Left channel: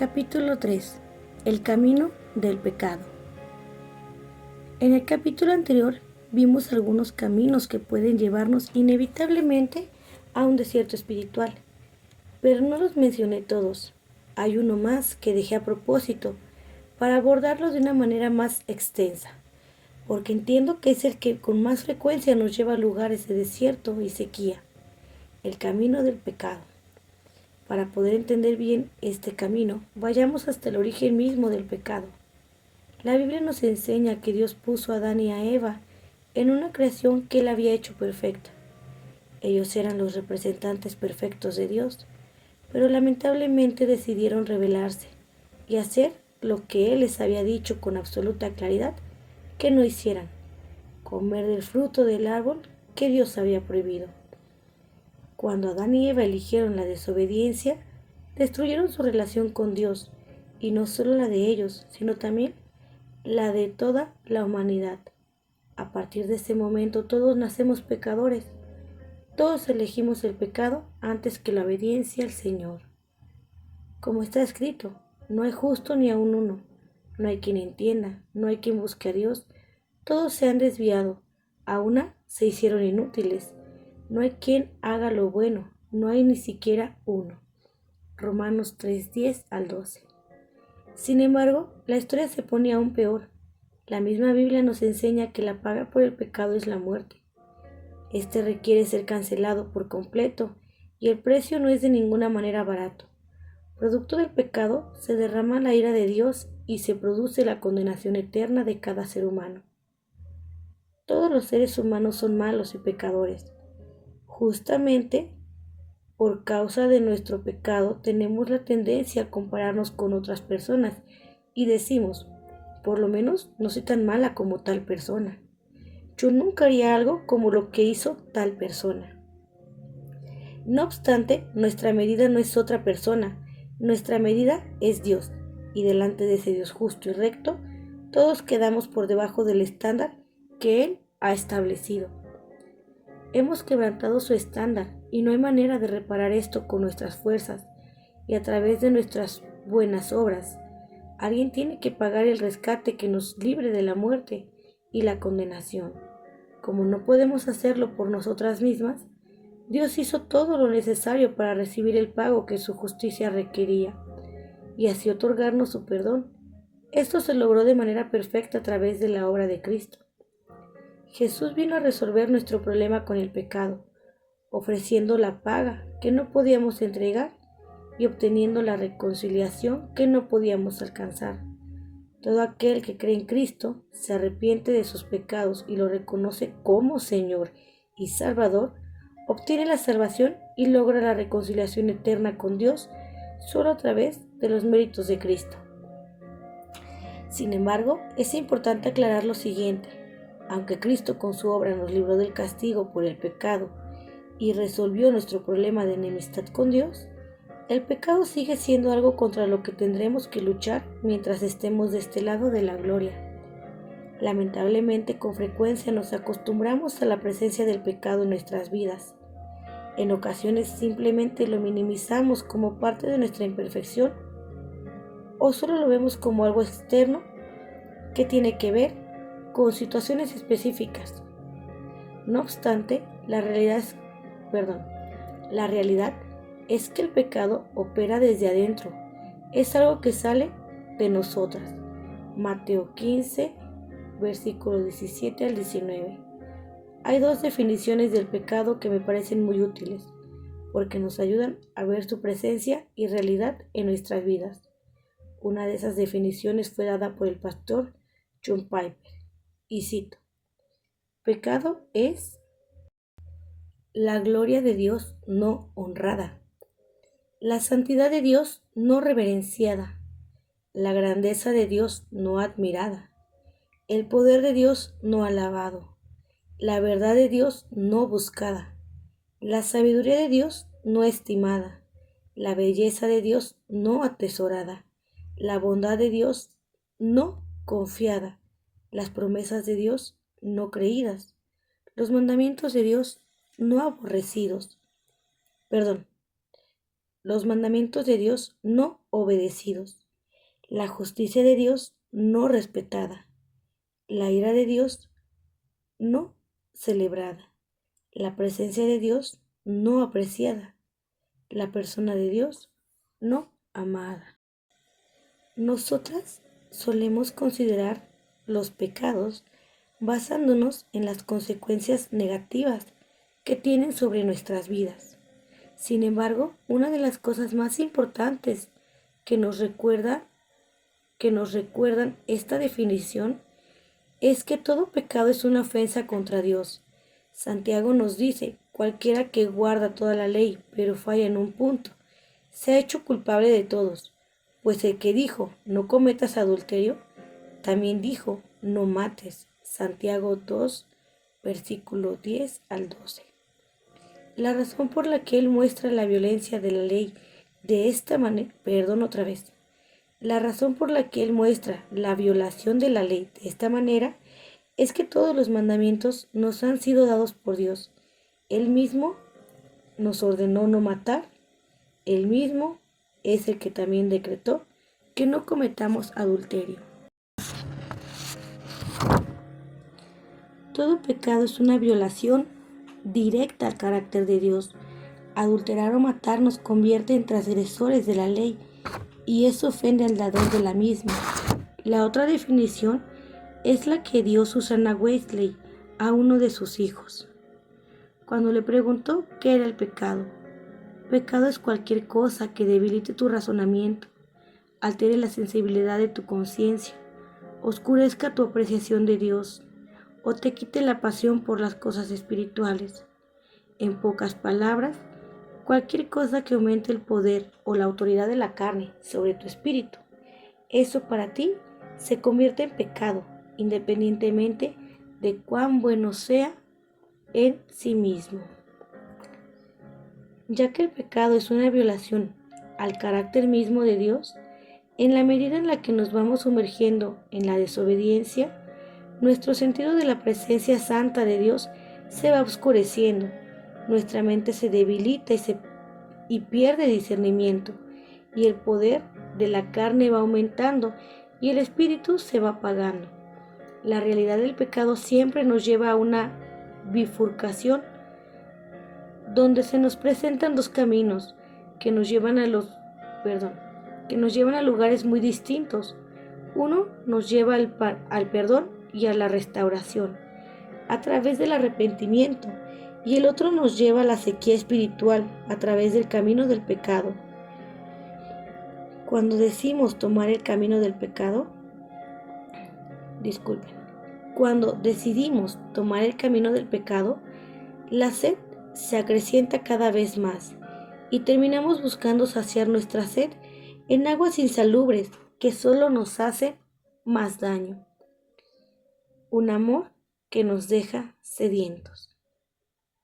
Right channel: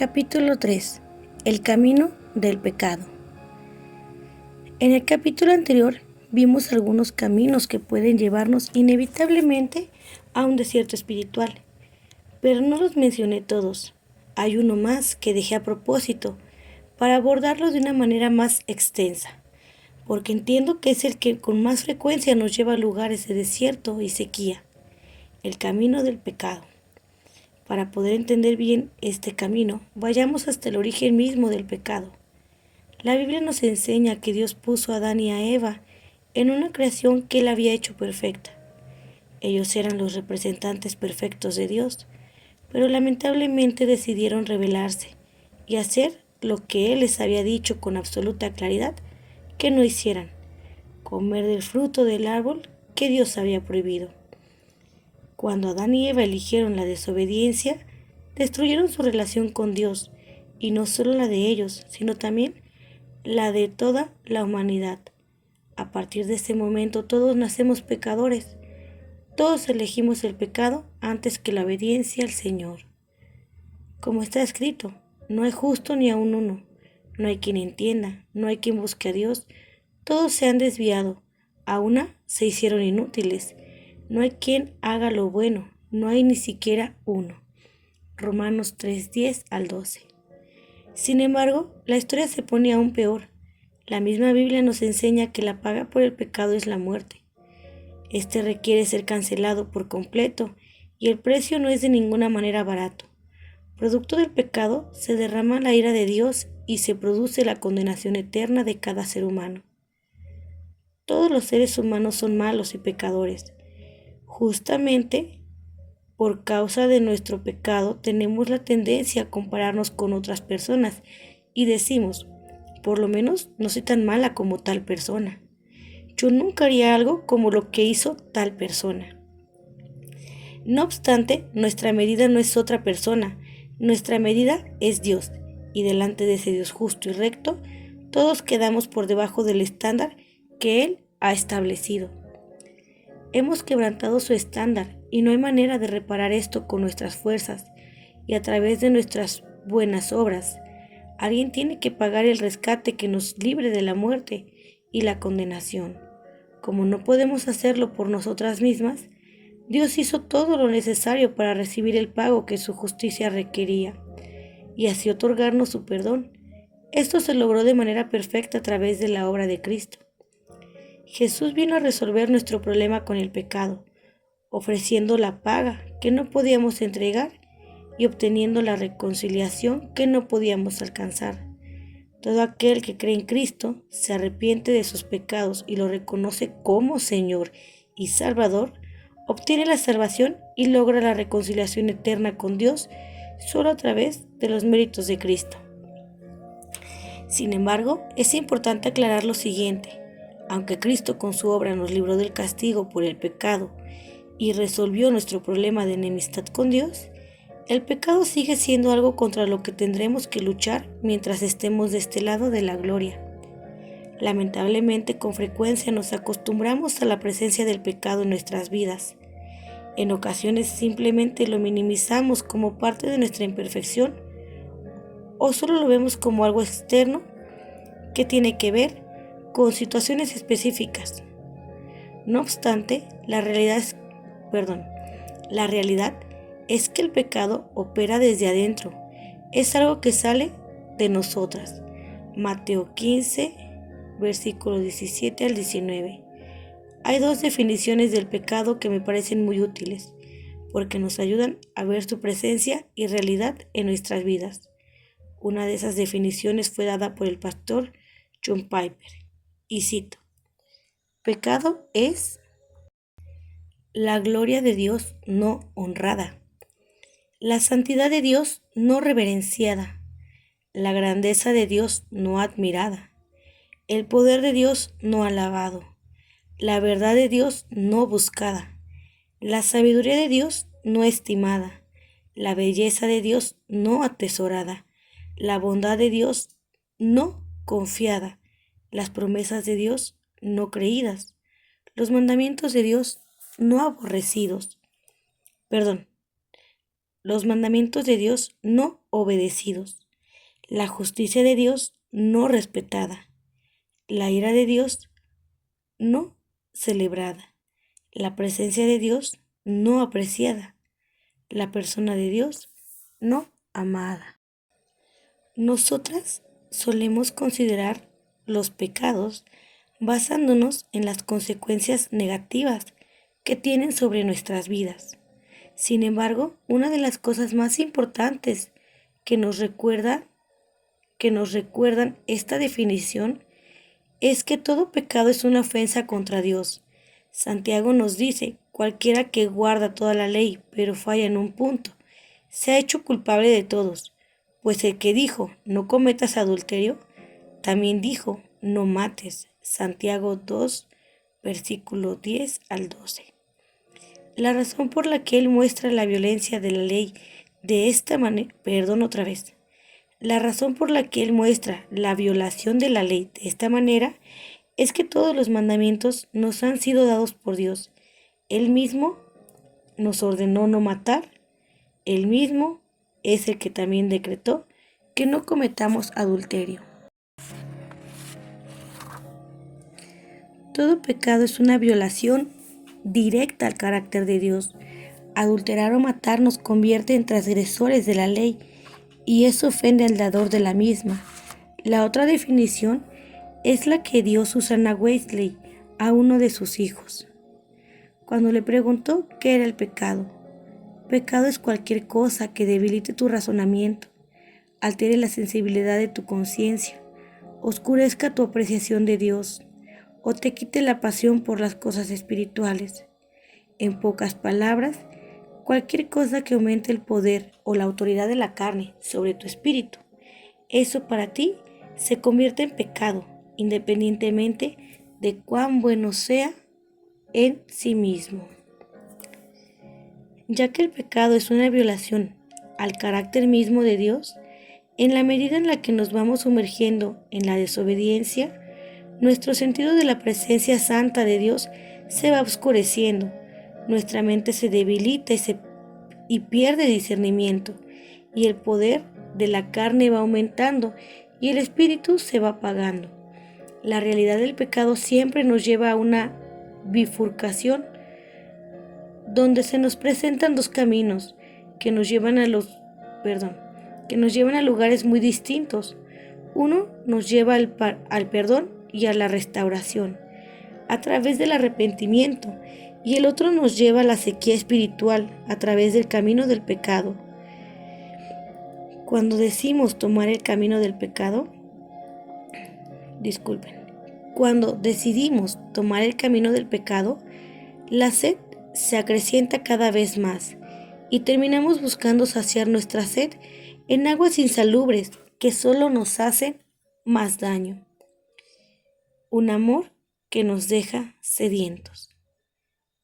Capítulo 3. El camino del pecado. En el capítulo anterior vimos algunos caminos que pueden llevarnos inevitablemente a un desierto espiritual, pero no los mencioné todos. Hay uno más que dejé a propósito para abordarlo de una manera más extensa, porque entiendo que es el que con más frecuencia nos lleva a lugares de desierto y sequía, el camino del pecado. Para poder entender bien este camino, vayamos hasta el origen mismo del pecado. La Biblia nos enseña que Dios puso a Adán y a Eva en una creación que Él había hecho perfecta. Ellos eran los representantes perfectos de Dios, pero lamentablemente decidieron rebelarse y hacer lo que Él les había dicho con absoluta claridad que no hicieran: comer del fruto del árbol que Dios había prohibido. Cuando Adán y Eva eligieron la desobediencia, destruyeron su relación con Dios, y no solo la de ellos, sino también la de toda la humanidad. A partir de ese momento todos nacemos pecadores, todos elegimos el pecado antes que la obediencia al Señor. Como está escrito, no hay justo ni aun uno, no hay quien entienda, no hay quien busque a Dios, todos se han desviado, a una se hicieron inútiles. No hay quien haga lo bueno, no hay ni siquiera uno. Romanos 3:10 al 12. Sin embargo, la historia se pone aún peor. La misma Biblia nos enseña que la paga por el pecado es la muerte. Este requiere ser cancelado por completo, y el precio no es de ninguna manera barato. Producto del pecado se derrama la ira de Dios y se produce la condenación eterna de cada ser humano. Todos los seres humanos son malos y pecadores. Justamente por causa de nuestro pecado tenemos la tendencia a compararnos con otras personas y decimos: por lo menos no soy tan mala como tal persona. Yo nunca haría algo como lo que hizo tal persona. No obstante, nuestra medida no es otra persona, nuestra medida es Dios, y delante de ese Dios justo y recto, todos quedamos por debajo del estándar que Él ha establecido. Hemos quebrantado su estándar y no hay manera de reparar esto con nuestras fuerzas y a través de nuestras buenas obras. Alguien tiene que pagar el rescate que nos libre de la muerte y la condenación. Como no podemos hacerlo por nosotras mismas, Dios hizo todo lo necesario para recibir el pago que su justicia requería y así otorgarnos su perdón. Esto se logró de manera perfecta a través de la obra de Cristo. Jesús vino a resolver nuestro problema con el pecado, ofreciendo la paga que no podíamos entregar y obteniendo la reconciliación que no podíamos alcanzar. Todo aquel que cree en Cristo, se arrepiente de sus pecados y lo reconoce como Señor y Salvador, obtiene la salvación y logra la reconciliación eterna con Dios solo a través de los méritos de Cristo. Sin embargo, es importante aclarar lo siguiente. Aunque Cristo con su obra nos libró del castigo por el pecado y resolvió nuestro problema de enemistad con Dios, el pecado sigue siendo algo contra lo que tendremos que luchar mientras estemos de este lado de la gloria. Lamentablemente, con frecuencia nos acostumbramos a la presencia del pecado en nuestras vidas. En ocasiones simplemente lo minimizamos como parte de nuestra imperfección o solo lo vemos como algo externo que tiene que ver con situaciones específicas. No obstante, la realidad es que el pecado opera desde adentro. Es algo que sale de nosotras. Mateo 15, versículos 17 al 19. Hay dos definiciones del pecado que me parecen muy útiles, porque nos ayudan a ver su presencia y realidad en nuestras vidas. Una de esas definiciones fue dada por el pastor John Piper, y cito: pecado es la gloria de Dios no honrada, la santidad de Dios no reverenciada, la grandeza de Dios no admirada, el poder de Dios no alabado, la verdad de Dios no buscada, la sabiduría de Dios no estimada, la belleza de Dios no atesorada, la bondad de Dios no confiada, las promesas de Dios no creídas, los mandamientos de Dios no aborrecidos. los mandamientos de Dios no obedecidos, la justicia de Dios no respetada, la ira de Dios no celebrada, la presencia de Dios no apreciada, la persona de Dios no amada. Nosotras solemos considerar los pecados basándonos en las consecuencias negativas que tienen sobre nuestras vidas. Sin embargo, una de las cosas más importantes que nos recuerdan esta definición es que todo pecado es una ofensa contra Dios. Santiago nos dice, cualquiera que guarda toda la ley, pero falla en un punto, se ha hecho culpable de todos, pues el que dijo, no cometas adulterio, también dijo, no mates. Santiago 2, versículo 10 al 12. La razón por la que él muestra la violencia de la ley de esta manera, La razón por la que él muestra la violación de la ley de esta manera es que todos los mandamientos nos han sido dados por Dios. Él mismo nos ordenó no matar. Él mismo es el que también decretó que no cometamos adulterio. Todo pecado es una violación directa al carácter de Dios. Adulterar o matar nos convierte en transgresores de la ley y eso ofende al dador de la misma. La otra definición es la que dio Susana Wesley a uno de sus hijos, cuando le preguntó qué era el pecado. Pecado es cualquier cosa que debilite tu razonamiento, altere la sensibilidad de tu conciencia, oscurezca tu apreciación de Dios o te quite la pasión por las cosas espirituales. En pocas palabras, cualquier cosa que aumente el poder o la autoridad de la carne sobre tu espíritu, eso para ti se convierte en pecado, independientemente de cuán bueno sea en sí mismo. Ya que el pecado es una violación al carácter mismo de Dios, en la medida en la que nos vamos sumergiendo en la desobediencia, nuestro sentido de la presencia santa de Dios se va oscureciendo, nuestra mente se debilita y pierde discernimiento, y el poder de la carne va aumentando y el espíritu se va apagando. La realidad del pecado siempre nos lleva a una bifurcación donde se nos presentan dos caminos que nos llevan a lugares muy distintos. Uno nos lleva al perdón y a la restauración a través del arrepentimiento, y el otro nos lleva a la sequía espiritual a través del camino del pecado. Cuando decidimos tomar el camino del pecado, la sed se acrecienta cada vez más y terminamos buscando saciar nuestra sed en aguas insalubres que solo nos hacen más daño. Un amor que nos deja sedientos.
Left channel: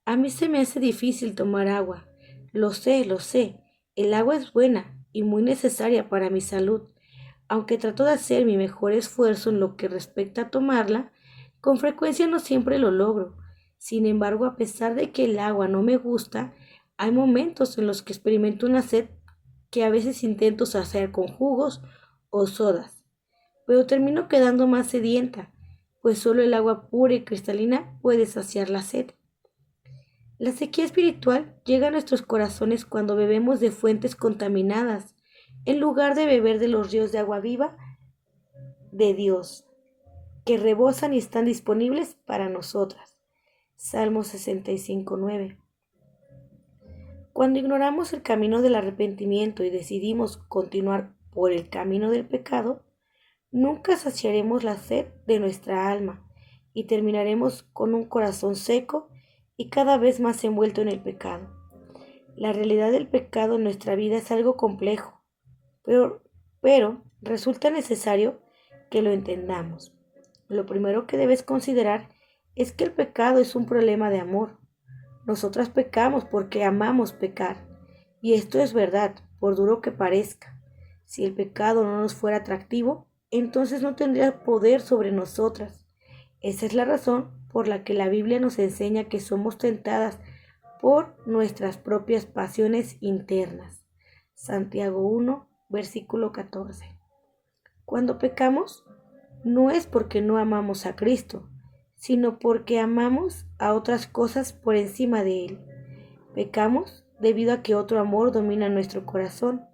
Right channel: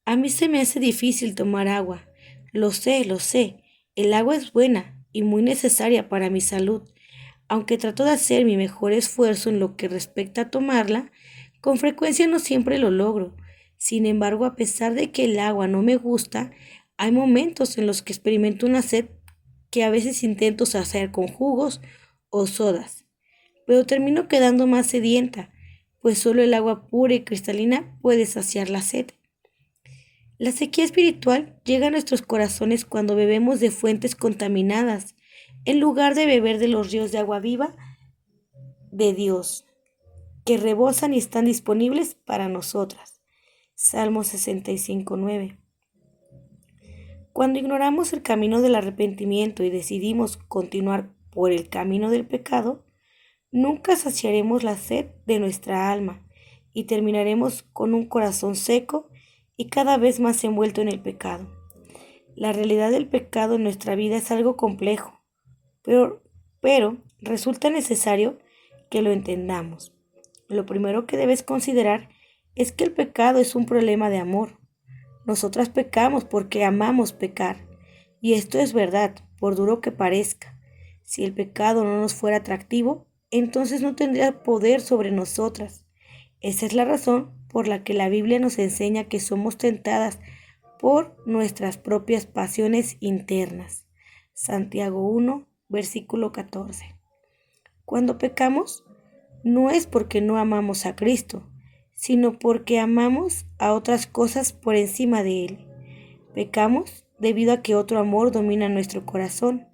A mí se me hace difícil tomar agua. Lo sé. El agua es buena y muy necesaria para mi salud. Aunque trato de hacer mi mejor esfuerzo en lo que respecta a tomarla, con frecuencia no siempre lo logro. Sin embargo, a pesar de que el agua no me gusta, hay momentos en los que experimento una sed que a veces intento saciar con jugos o sodas, pero termino quedando más sedienta, pues solo el agua pura y cristalina puede saciar la sed. La sequía espiritual llega a nuestros corazones cuando bebemos de fuentes contaminadas, en lugar de beber de los ríos de agua viva de Dios, que rebosan y están disponibles para nosotras. Salmo 65:9. Cuando ignoramos el camino del arrepentimiento y decidimos continuar por el camino del pecado, nunca saciaremos la sed de nuestra alma y terminaremos con un corazón seco y cada vez más envuelto en el pecado. La realidad del pecado en nuestra vida es algo complejo, pero resulta necesario que lo entendamos. Lo primero que debes considerar es que el pecado es un problema de amor. Nosotras pecamos porque amamos pecar, y esto es verdad, por duro que parezca. Si el pecado no nos fuera atractivo, entonces no tendría poder sobre nosotras. Esa es la razón por la que la Biblia nos enseña que somos tentadas por nuestras propias pasiones internas. Santiago 1, versículo 14. Cuando pecamos, no es porque no amamos a Cristo, sino porque amamos a otras cosas por encima de Él. Pecamos debido a que otro amor domina nuestro corazón,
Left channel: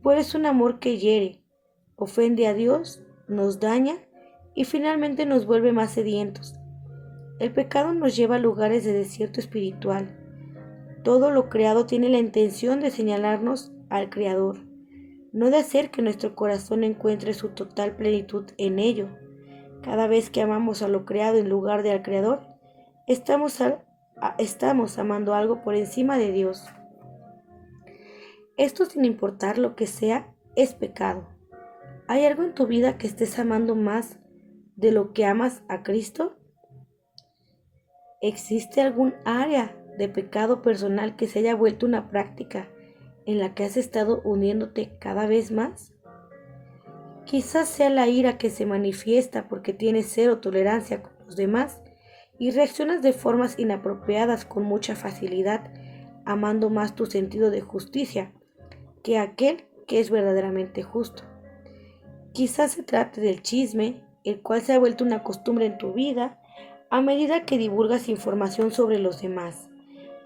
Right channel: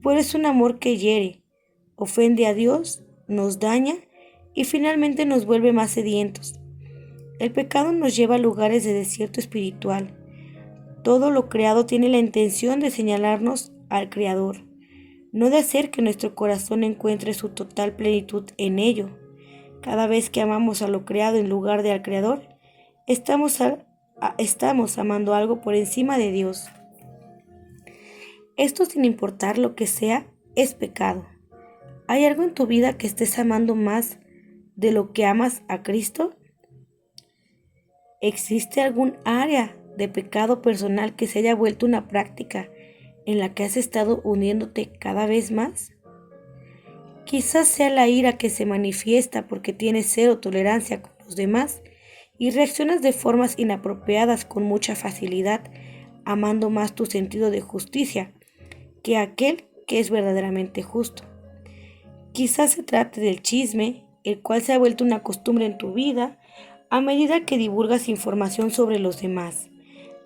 pues es un amor que hiere, ofende a Dios, nos daña y finalmente nos vuelve más sedientos. El pecado nos lleva a lugares de desierto espiritual. Todo lo creado tiene la intención de señalarnos al Creador, no de hacer que nuestro corazón encuentre su total plenitud en ello. Cada vez que amamos a lo creado en lugar de al Creador, estamos amando algo por encima de Dios. Esto, sin importar lo que sea, es pecado. ¿Hay algo en tu vida que estés amando más de lo que amas a Cristo? ¿Existe algún área de pecado personal que se haya vuelto una práctica en la que has estado uniéndote cada vez más? Quizás sea la ira que se manifiesta porque tienes cero tolerancia con los demás y reaccionas de formas inapropiadas con mucha facilidad, amando más tu sentido de justicia que aquel que es verdaderamente justo. Quizás se trate del chisme, el cual se ha vuelto una costumbre en tu vida a medida que divulgas información sobre los demás,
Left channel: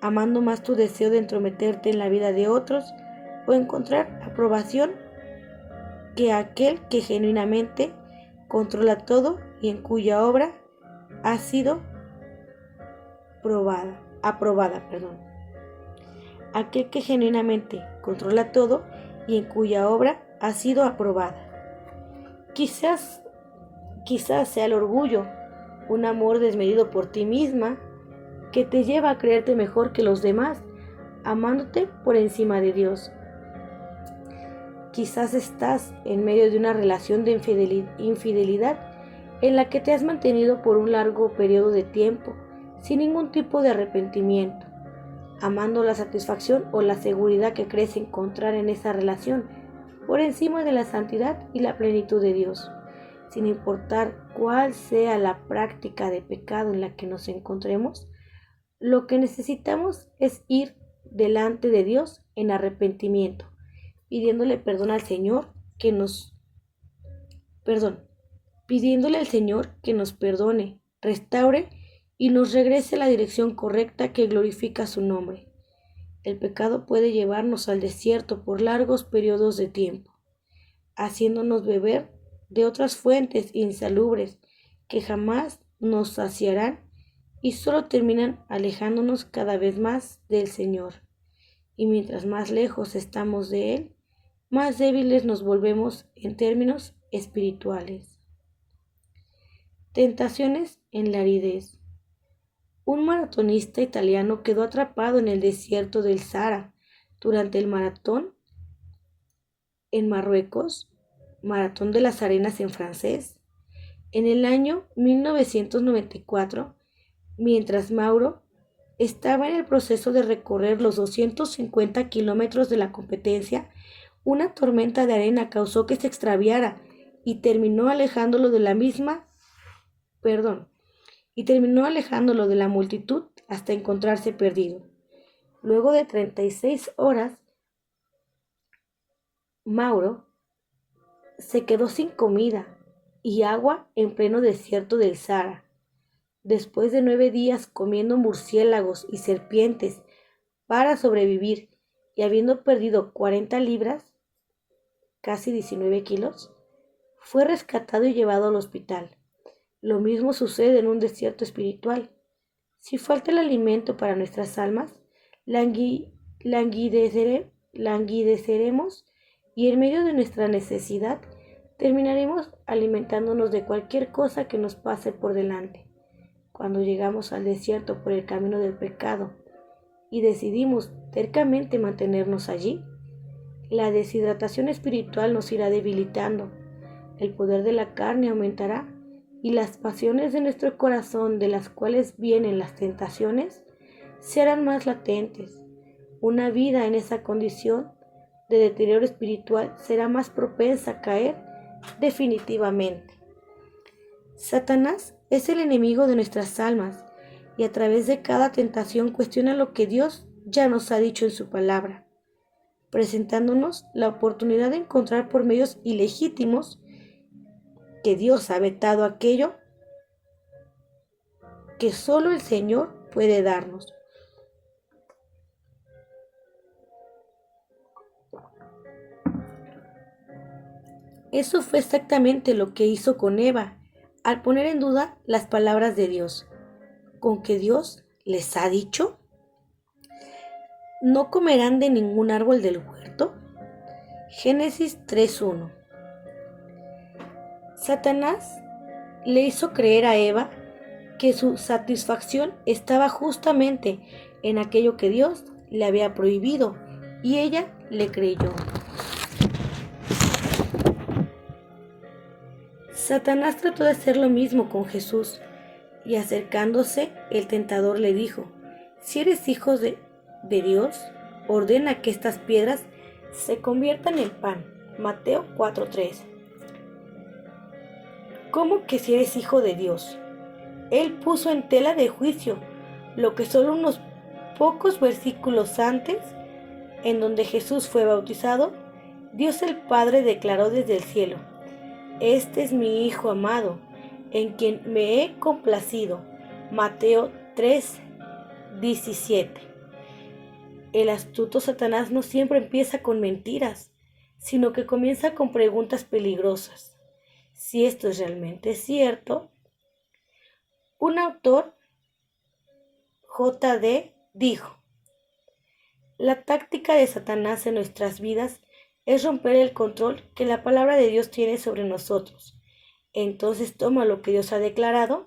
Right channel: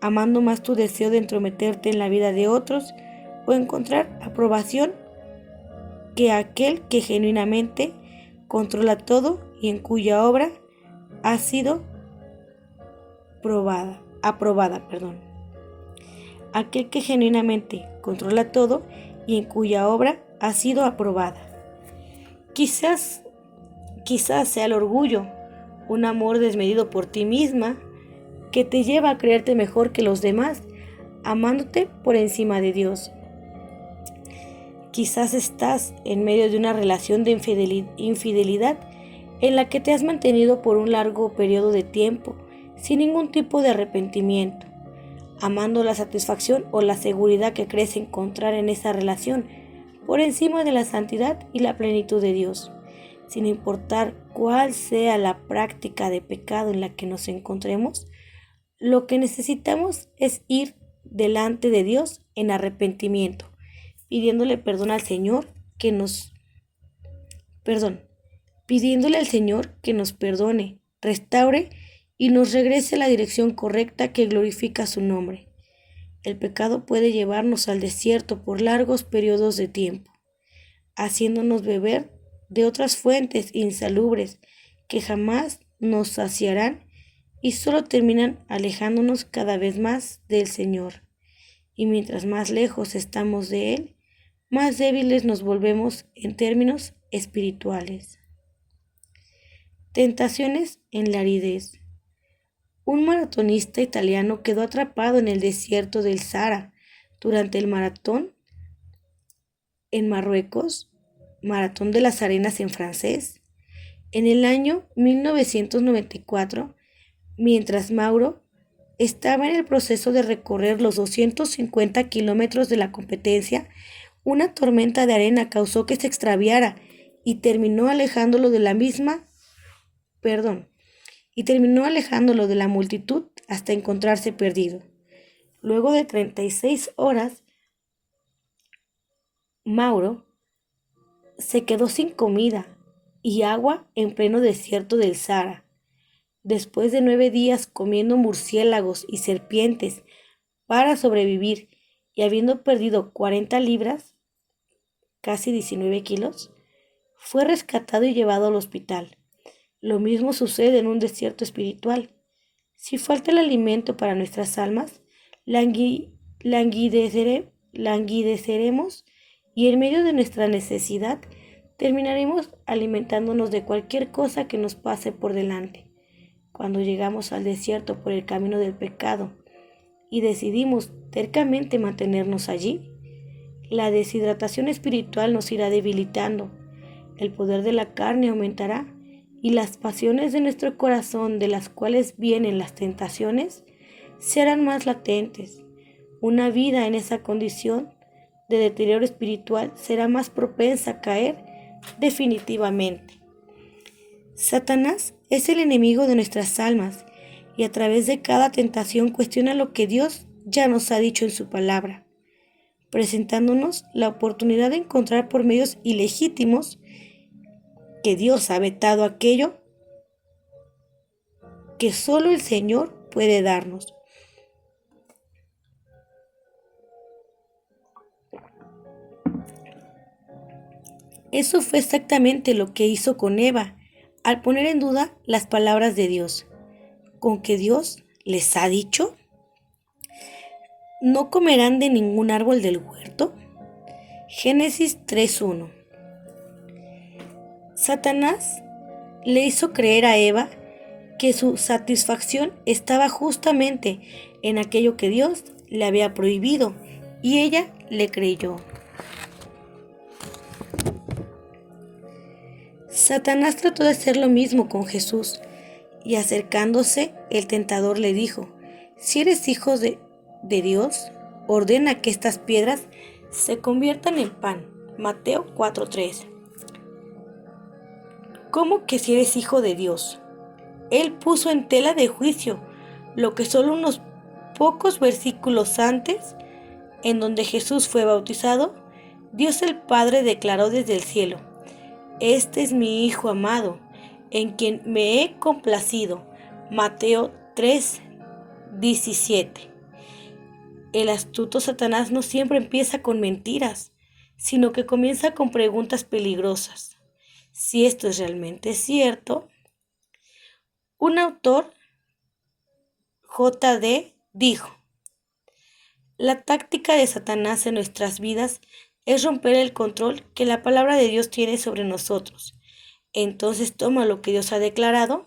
amando más tu deseo de entrometerte en la vida de otros o encontrar aprobación que aquel que genuinamente controla todo y en cuya obra ha sido aprobada. Aquel que genuinamente controla todo y en cuya obra ha sido aprobada. Quizás sea el orgullo, un amor desmedido por ti misma que te lleva a creerte mejor que los demás, amándote por encima de Dios. Quizás estás en medio de una relación de infidelidad en la que te has mantenido por un largo periodo de tiempo, sin ningún tipo de arrepentimiento, amando la satisfacción o la seguridad que crees encontrar en esa relación, por encima de la santidad y la plenitud de Dios. Sin importar cuál sea la práctica de pecado en la que nos encontremos, lo que necesitamos es ir delante de Dios en arrepentimiento, pidiéndole perdón al Señor pidiéndole al Señor que nos perdone, restaure y nos regrese a la dirección correcta que glorifica su nombre. El pecado puede llevarnos al desierto por largos periodos de tiempo, haciéndonos beber de otras fuentes insalubres que jamás nos saciarán y solo terminan alejándonos cada vez más del Señor. Y mientras más lejos estamos de Él, más débiles nos volvemos en términos espirituales. Tentaciones en la aridez. Un maratonista italiano quedó atrapado en el desierto del Sahara durante el maratón en Marruecos, Maratón de las Arenas en francés, en el año 1994, mientras Mauro estaba en el proceso de recorrer los 250 kilómetros de la competencia. Una tormenta de arena causó que se extraviara y terminó alejándolo de la multitud hasta encontrarse perdido. Luego de 36 horas, Mauro se quedó sin comida y agua en pleno desierto del Sahara. Después de 9 días comiendo murciélagos y serpientes para sobrevivir y habiendo perdido 40 libras, casi 19 kilos, fue rescatado y llevado al hospital. Lo mismo sucede en un desierto espiritual. Si falta el alimento para nuestras almas, languideceremos y en medio de nuestra necesidad terminaremos alimentándonos de cualquier cosa que nos pase por delante. Cuando llegamos al desierto por el camino del pecado y decidimos tercamente mantenernos allí, la deshidratación espiritual nos irá debilitando, el poder de la carne aumentará y las pasiones de nuestro corazón, de las cuales vienen las tentaciones, se harán más latentes. Una vida en esa condición de deterioro espiritual será más propensa a caer definitivamente. Satanás es el enemigo de nuestras almas y a través de cada tentación cuestiona lo que Dios ya nos ha dicho en su palabra. presentándonos la oportunidad de encontrar por medios ilegítimos que Dios ha vetado aquello que solo el Señor puede darnos. Eso fue exactamente lo que hizo con Eva, al poner en duda las palabras de Dios. ¿Con que Dios les ha dicho? ¿No comerán de ningún árbol del huerto? Génesis 3:1. Satanás le hizo creer a Eva que su satisfacción estaba justamente en aquello que Dios le había prohibido, y ella le creyó. Satanás trató de hacer lo mismo con Jesús, y acercándose, el tentador le dijo: si eres hijo de Dios, ordena que estas piedras se conviertan en pan. Mateo 4:3. ¿Cómo que si eres hijo de Dios? Él puso en tela de juicio lo que solo unos pocos versículos antes, en donde Jesús fue bautizado, Dios el Padre declaró desde el cielo: este es mi Hijo amado, en quien me he complacido. Mateo 3:17. El astuto Satanás no siempre empieza con mentiras, sino que comienza con preguntas peligrosas. Si esto es realmente cierto, un autor, J.D., dijo: la táctica de Satanás en nuestras vidas es romper el control que la palabra de Dios tiene sobre nosotros. Entonces toma lo que Dios ha declarado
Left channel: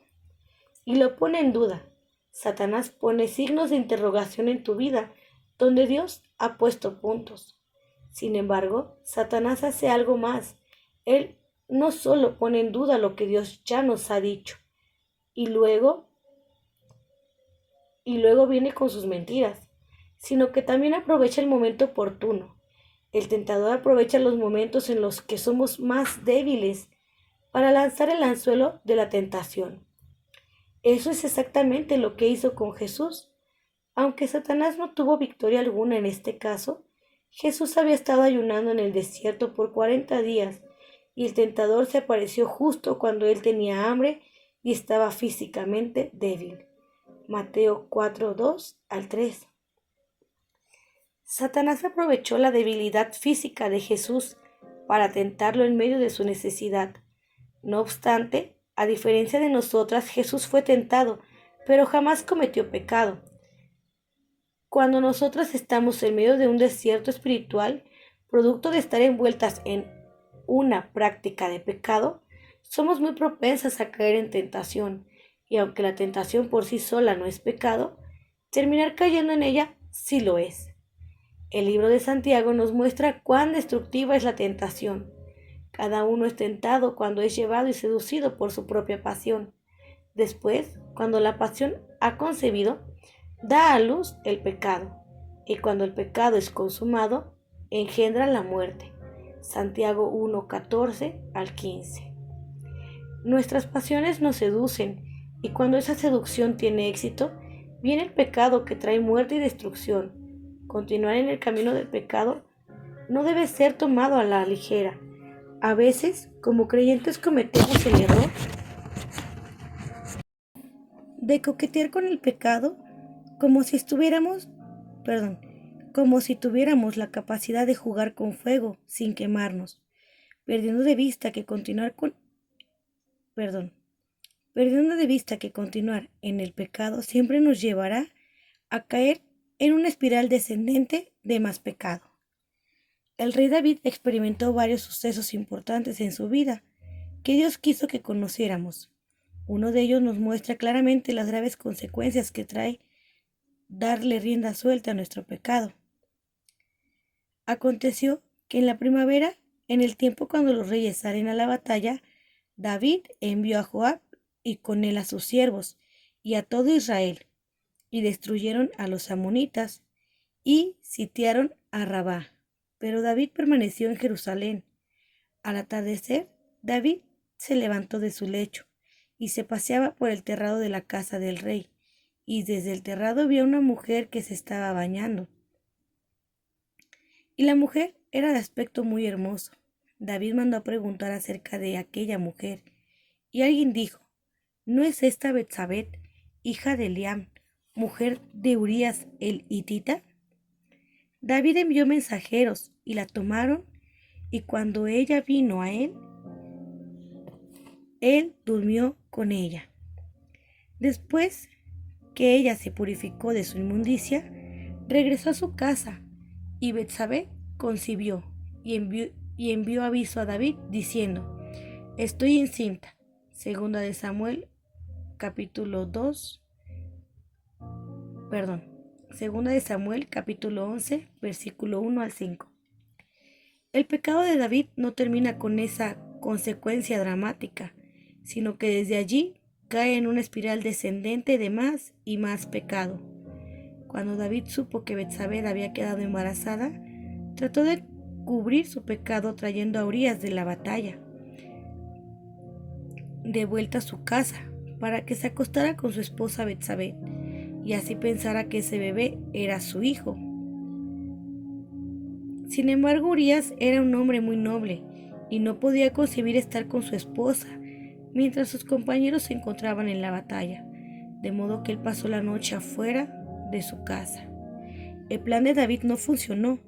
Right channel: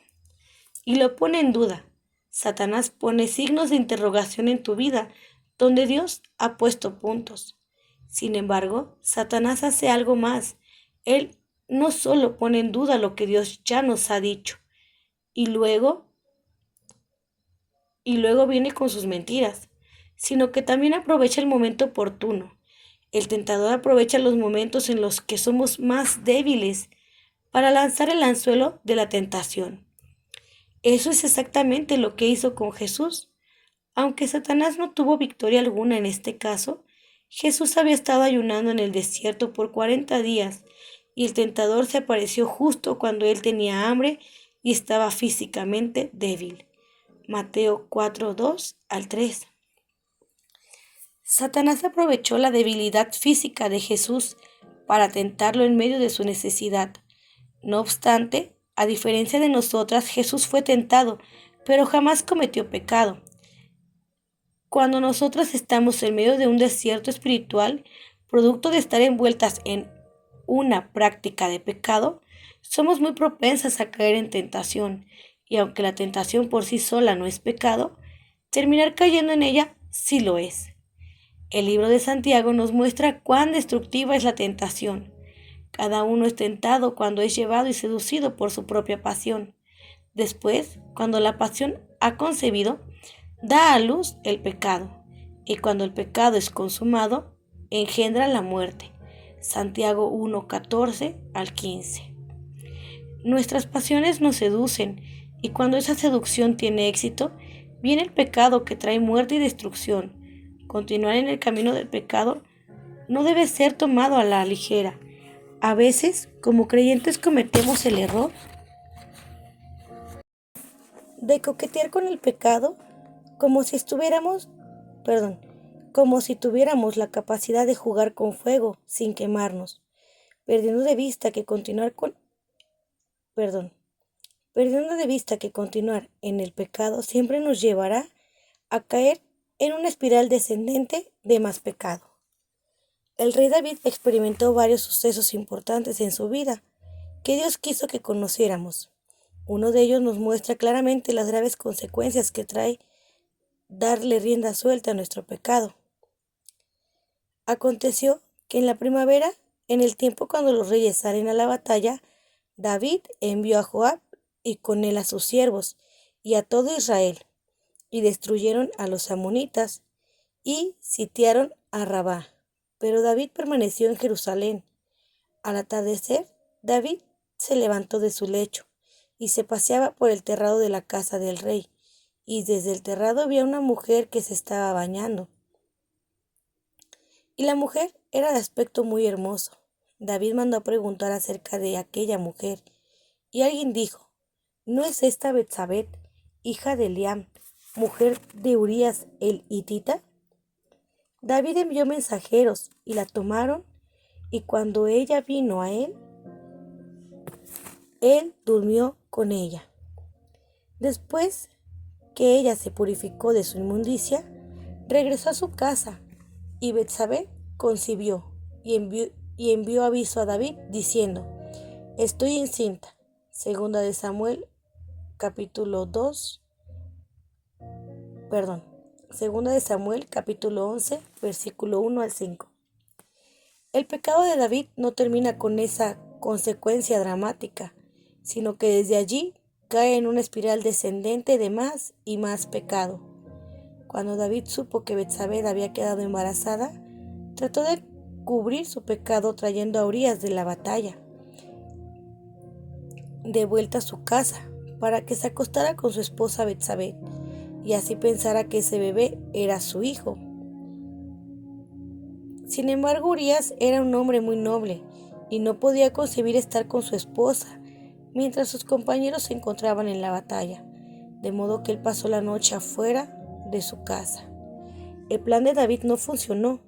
y lo pone en duda. Satanás pone signos de interrogación en tu vida donde Dios ha puesto puntos. Sin embargo, Satanás hace algo más. Él no solo pone en duda lo que Dios ya nos ha dicho, y luego viene con sus mentiras, sino que también aprovecha el momento oportuno. El tentador aprovecha los momentos en los que somos más débiles para lanzar el anzuelo de la tentación. Eso es exactamente lo que hizo con Jesús. Aunque Satanás no tuvo victoria alguna en este caso, Jesús había estado ayunando en el desierto por 40 días y el tentador se apareció justo cuando él tenía hambre y estaba físicamente débil. Mateo 4:2-3. Satanás aprovechó la debilidad física de Jesús para tentarlo en medio de su necesidad. No obstante, a diferencia de nosotras, Jesús fue tentado, pero jamás cometió pecado. Cuando nosotras estamos en medio de un desierto espiritual, producto de estar envueltas en una práctica de pecado, somos muy propensas a caer en tentación, y aunque la tentación por sí sola no es pecado, terminar cayendo en ella sí lo es. El libro de Santiago nos muestra cuán destructiva es la tentación. Cada uno es tentado cuando es llevado y seducido por su propia pasión. Después, cuando la pasión ha concebido, da a luz el pecado, y cuando el pecado es consumado, engendra la muerte. Santiago 1:14-15. Nuestras pasiones nos seducen, y cuando esa seducción tiene éxito, viene el pecado que trae muerte y destrucción. Continuar en el camino del pecado no debe ser tomado a la ligera. A veces, como creyentes, cometemos el error de coquetear con el pecado como si tuviéramos la capacidad de jugar con fuego sin quemarnos, perdiendo de vista que continuar en el pecado siempre nos llevará a caer en una espiral descendente de más pecado. El rey David experimentó varios sucesos importantes en su vida que Dios quiso que conociéramos. Uno de ellos nos muestra claramente las graves consecuencias que trae darle rienda suelta a nuestro pecado. Aconteció que en la primavera, en el tiempo cuando los reyes salen a la batalla, David envió a Joab y con él a sus siervos y a todo Israel, y destruyeron a los amonitas y sitiaron a Rabá. Pero David permaneció en Jerusalén. Al atardecer, David se levantó de su lecho y se paseaba por el terrado de la casa del rey, y desde el terrado vio a una mujer que se estaba bañando. Y la mujer era de aspecto muy hermoso. David mandó a preguntar acerca de aquella mujer, y alguien dijo: ¿No es esta Betsabé, hija de Eliam, mujer de Urías el hitita? David envió mensajeros, y la tomaron, y cuando ella vino a él durmió con ella. Después que ella se purificó de su inmundicia, regresó a su casa, y Betsabé concibió, y envió aviso a David diciendo: Estoy encinta. Segunda de Samuel, capítulo 2, perdón. Segunda de Samuel, capítulo 11, versículo 1 al 5. El pecado de David no termina con esa consecuencia dramática, sino que desde allí cae en una espiral descendente de más y más pecado. Cuando David supo que Betsabé había quedado embarazada, trató de cubrir su pecado trayendo a Urías de la batalla de vuelta a su casa para que se acostara con su esposa Betsabé y así pensara que ese bebé era su hijo. Sin embargo, Urías era un hombre muy noble y no podía concebir estar con su esposa mientras sus compañeros se encontraban en la batalla, de modo que él pasó la noche afuera de su casa. El plan de David no funcionó,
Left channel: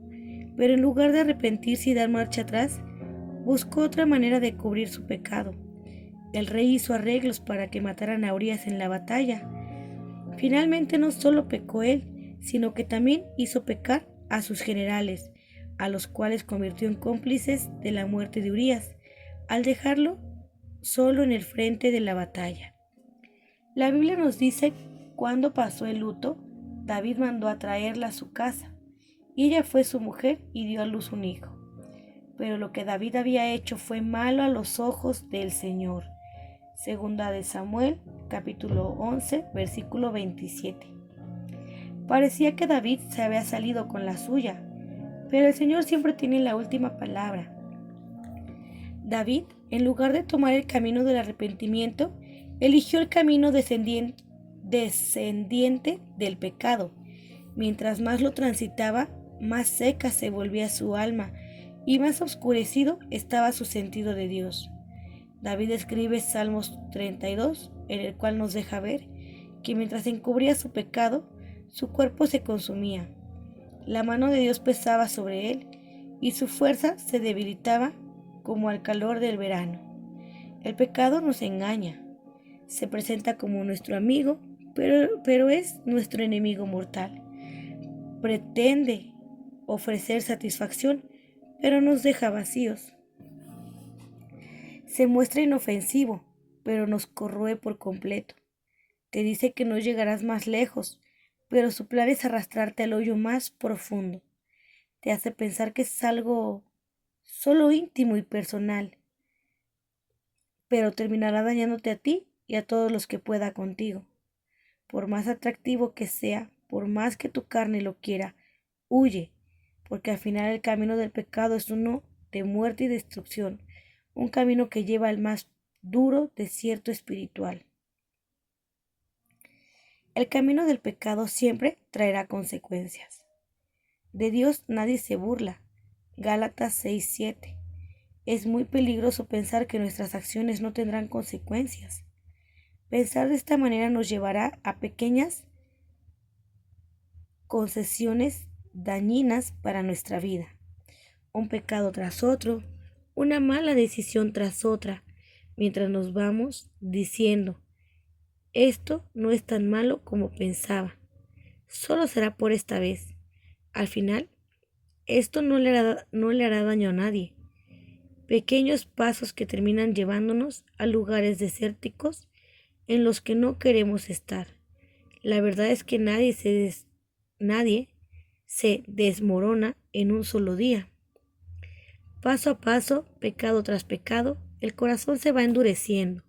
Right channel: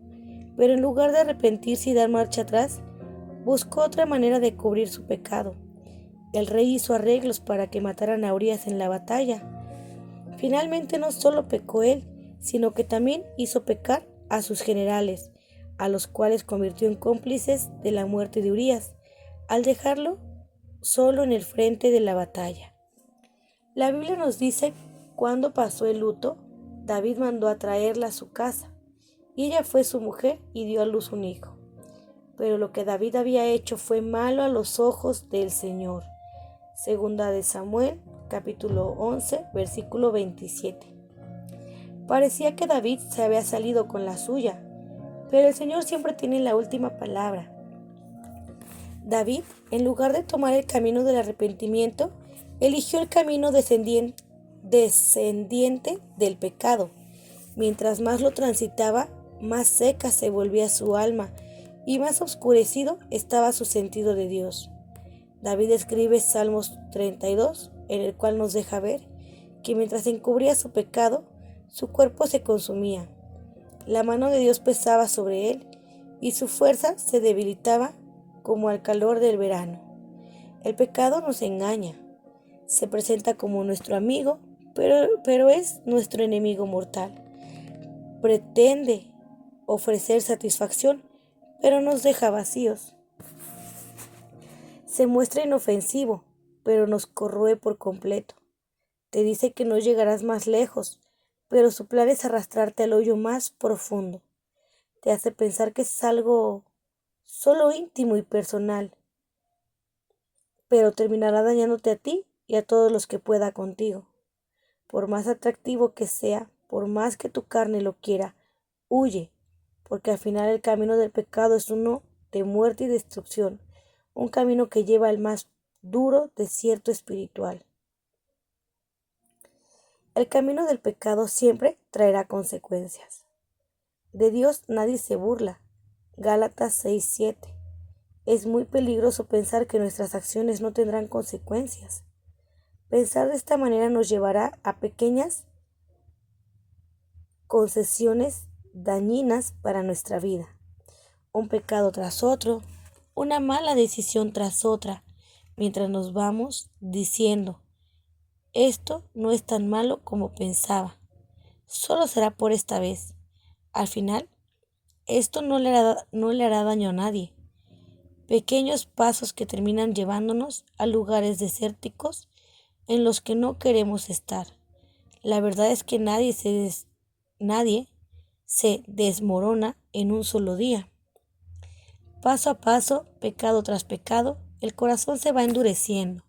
pero en lugar de arrepentirse y dar marcha atrás, buscó otra manera de cubrir su pecado. El rey hizo arreglos para que mataran a Urías en la batalla. Finalmente no solo pecó él, sino que también hizo pecar a sus generales, a los cuales convirtió en cómplices de la muerte de Urías, al dejarlo solo en el frente de la batalla. La Biblia nos dice cuando pasó el luto, David mandó a traerla a su casa, y ella fue su mujer y dio a luz un hijo. Pero lo que David había hecho fue malo a los ojos del Señor. Segunda de Samuel, capítulo 11, versículo 27. Parecía que David se había salido con la suya, pero el Señor siempre tiene la última palabra. David, en lugar de tomar el camino del arrepentimiento, eligió el camino descendiente del pecado. Mientras más lo transitaba, más seca se volvía su alma y más oscurecido estaba su sentido de Dios. David escribe Salmos 32, en el cual nos deja ver que mientras encubría su pecado, su cuerpo se consumía. La mano de Dios pesaba sobre él y su fuerza se debilitaba como al calor del verano. El pecado nos engaña, se presenta como nuestro amigo, pero es nuestro enemigo mortal. Pretende ofrecer satisfacción, pero nos deja vacíos. Se muestra inofensivo, pero nos corroe por completo. Te dice que no llegarás más lejos, pero su plan es arrastrarte al hoyo más profundo. Te hace pensar que es algo solo íntimo y personal, pero terminará dañándote a ti y a todos los que pueda contigo. Por más atractivo que sea, por más que tu carne lo quiera, huye, porque al final el camino del pecado es uno de muerte y destrucción, un camino que lleva al más duro desierto espiritual. El camino del pecado siempre traerá consecuencias. De Dios nadie se burla. Gálatas 6:7. Es muy peligroso pensar que nuestras acciones no tendrán consecuencias. Pensar de esta manera nos llevará a pequeñas concesiones dañinas para nuestra vida. Un pecado tras otro, una mala decisión tras otra, mientras nos vamos diciendo: esto no es tan malo como pensaba, solo será por esta vez. Al final, esto no le hará daño a nadie. Pequeños pasos que terminan llevándonos a lugares desérticos en los que no queremos estar. La verdad es que nadie se desmorona en un solo día. Paso a paso, pecado tras pecado, el corazón se va endureciendo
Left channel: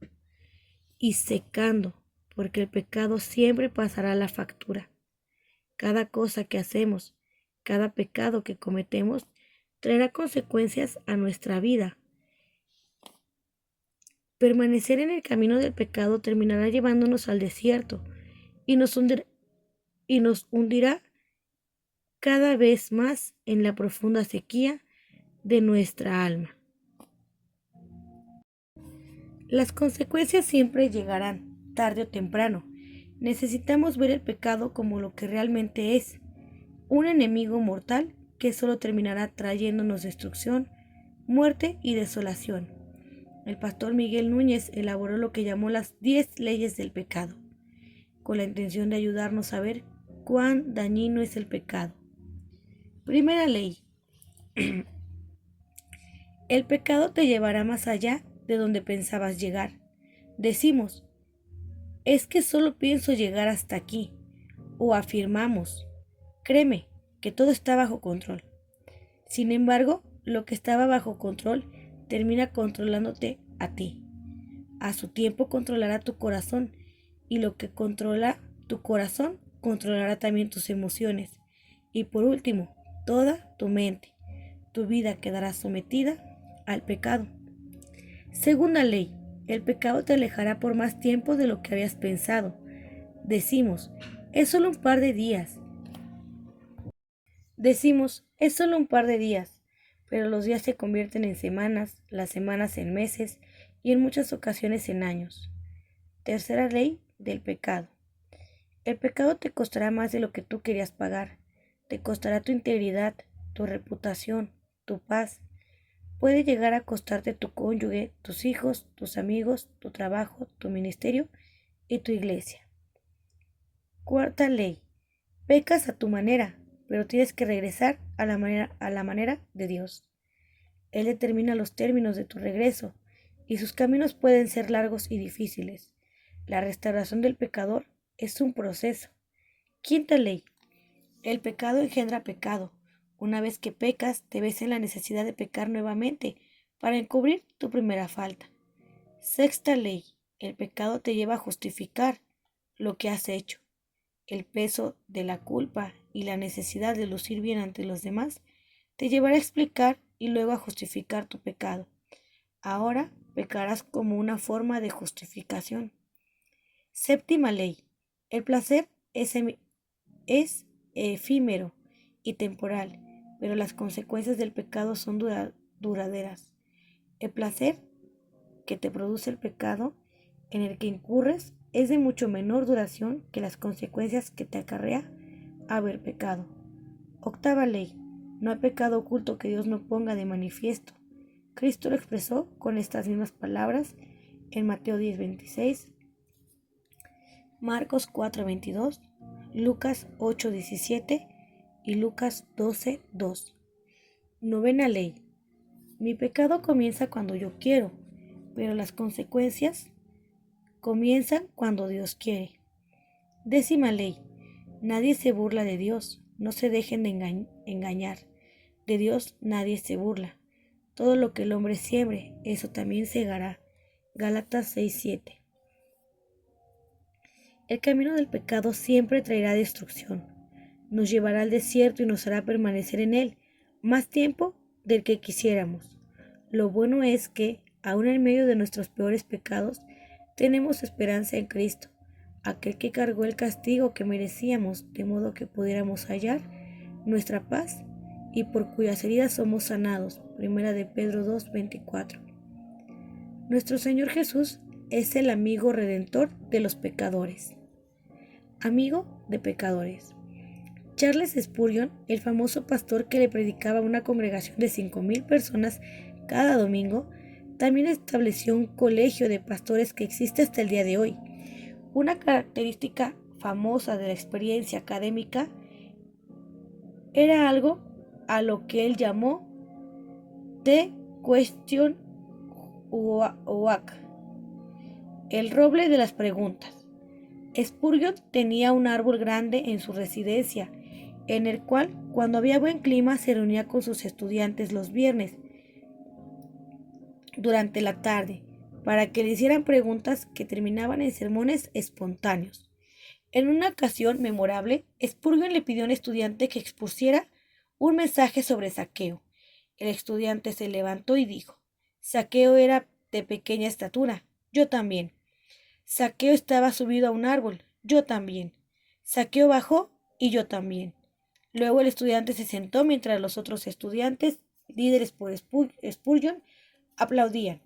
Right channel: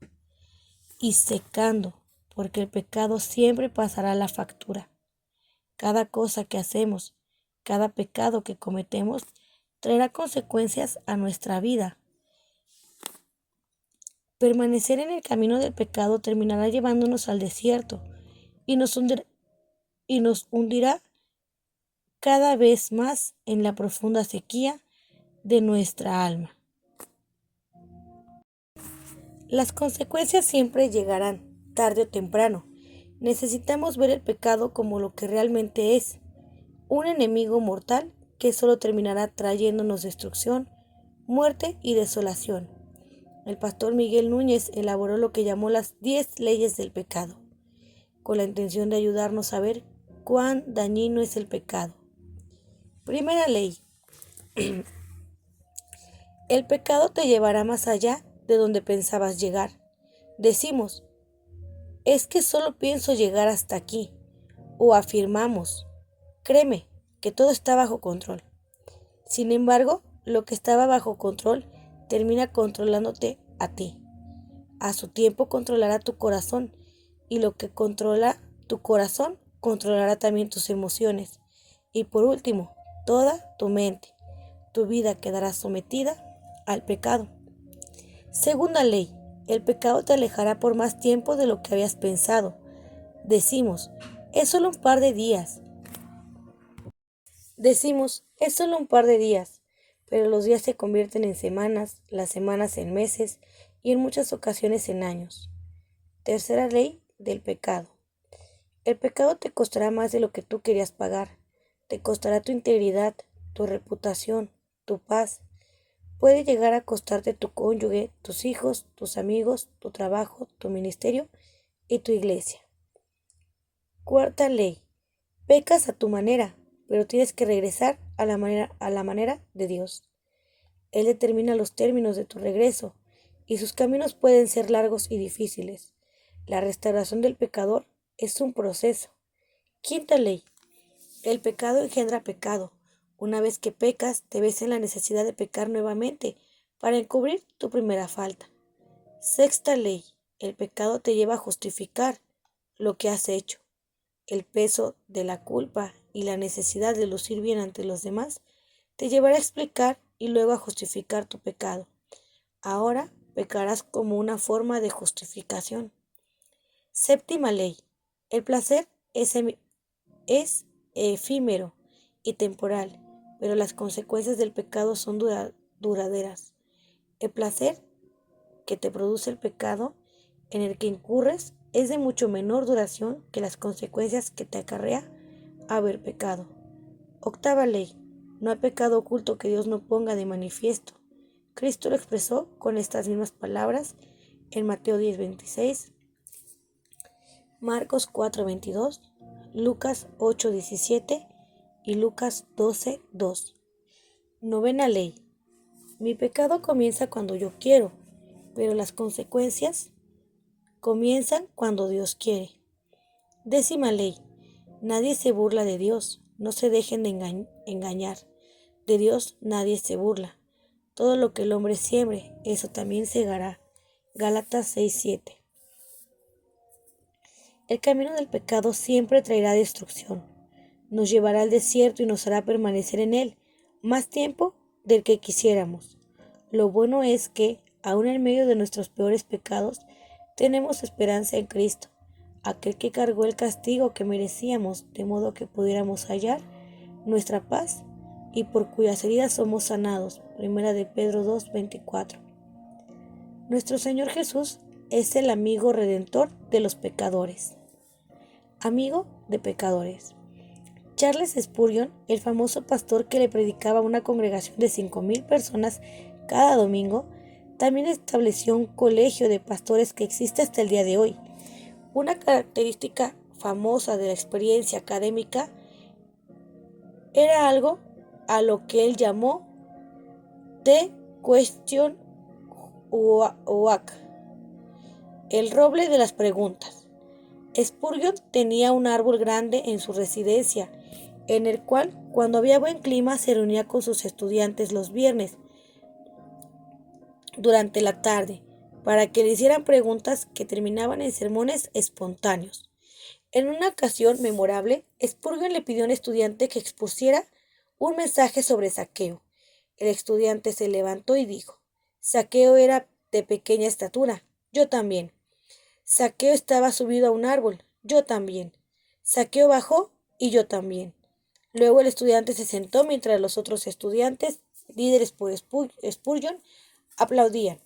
y secando, porque el pecado siempre pasará la factura. Cada cosa que hacemos, cada pecado que cometemos, traerá consecuencias a nuestra vida. Permanecer en el camino del pecado terminará llevándonos al desierto y nos hundirá cada vez más en la profunda sequía de nuestra alma. Las consecuencias siempre llegarán, tarde o temprano. Necesitamos ver el pecado como lo que realmente es, un enemigo mortal que solo terminará trayéndonos destrucción, muerte y desolación. El pastor Miguel Núñez elaboró lo que llamó las 10 leyes del pecado, con la intención de ayudarnos a ver cuán dañino es el pecado. Primera ley. El pecado te llevará más allá de donde pensabas llegar. Decimos, es que solo pienso llegar hasta aquí. O afirmamos, créeme, que todo está bajo control. Sin embargo, lo que estaba bajo control termina controlándote a ti. A su tiempo controlará tu corazón, y lo que controla tu corazón controlará también tus emociones. Y por último, toda tu mente. Tu vida quedará sometida al pecado. Segunda ley, el pecado te alejará por más tiempo de lo que habías pensado. Decimos, es solo un par de días. Pero los días se convierten en semanas, las semanas en meses y en muchas ocasiones en años. Tercera ley del pecado. El pecado te costará más de lo que tú querías pagar. Te costará tu integridad, tu reputación, tu paz. Puede llegar a costarte tu cónyuge, tus hijos, tus amigos, tu trabajo, tu ministerio y tu iglesia. Cuarta ley. Pecas a tu manera, pero tienes que regresar a la manera de Dios. Él determina los términos de tu regreso, y sus caminos pueden ser largos y difíciles. La restauración del pecador es un proceso. Quinta ley. El pecado engendra pecado. Una vez que pecas, te ves en la necesidad de pecar nuevamente para encubrir tu primera falta. Sexta ley. El pecado te lleva a justificar lo que has hecho. El peso de la culpa y la necesidad de lucir bien ante los demás te llevará a explicar y luego a justificar tu pecado. Ahora pecarás como una forma de justificación. Séptima ley. El placer es efímero y temporal, pero las consecuencias del pecado son duraderas. El placer que te produce el pecado en el que incurres es de mucho menor duración que las consecuencias que te acarrea haber pecado. Octava ley. No hay pecado oculto que Dios no ponga de manifiesto. Cristo lo expresó con estas mismas palabras en Mateo 10:26, Marcos 4:22, Lucas 8:17 y Lucas 12:2. Novena ley. Mi pecado comienza cuando yo quiero, pero las consecuencias comienzan cuando Dios quiere. Décima ley. Nadie se burla de Dios, no se dejen de engañar. De Dios nadie se burla. Todo lo que el hombre siembre, eso también segará. Gálatas 6:7. El camino del pecado siempre traerá destrucción. Nos llevará al desierto y nos hará permanecer en él más tiempo del que quisiéramos. Lo bueno es que, aun en medio de nuestros peores pecados, tenemos esperanza en Cristo, aquel que cargó el castigo que merecíamos, de modo que pudiéramos hallar nuestra paz y por cuyas heridas somos sanados. Primera de Pedro 2:24. Nuestro Señor Jesús es el amigo redentor de los pecadores. Amigo de pecadores. Charles Spurgeon, el famoso pastor que le predicaba a una congregación de 5,000 personas cada domingo, también estableció un colegio de pastores que existe hasta el día de hoy. Una característica famosa de la experiencia académica era algo a lo que él llamó The Question Oak, el roble de las preguntas. Spurgeon tenía un árbol grande en su residencia, en el cual, cuando había buen clima, se reunía con sus estudiantes los viernes durante la tarde, para que le hicieran preguntas que terminaban en sermones espontáneos. En una ocasión memorable, Spurgeon le pidió a un estudiante que expusiera un mensaje sobre Zaqueo. El estudiante se levantó y dijo: Zaqueo era de pequeña estatura, yo también. Zaqueo estaba subido a un árbol, yo también. Zaqueo bajó y yo también. Luego el estudiante se sentó mientras los otros estudiantes, líderes por Spurgeon, aplaudían.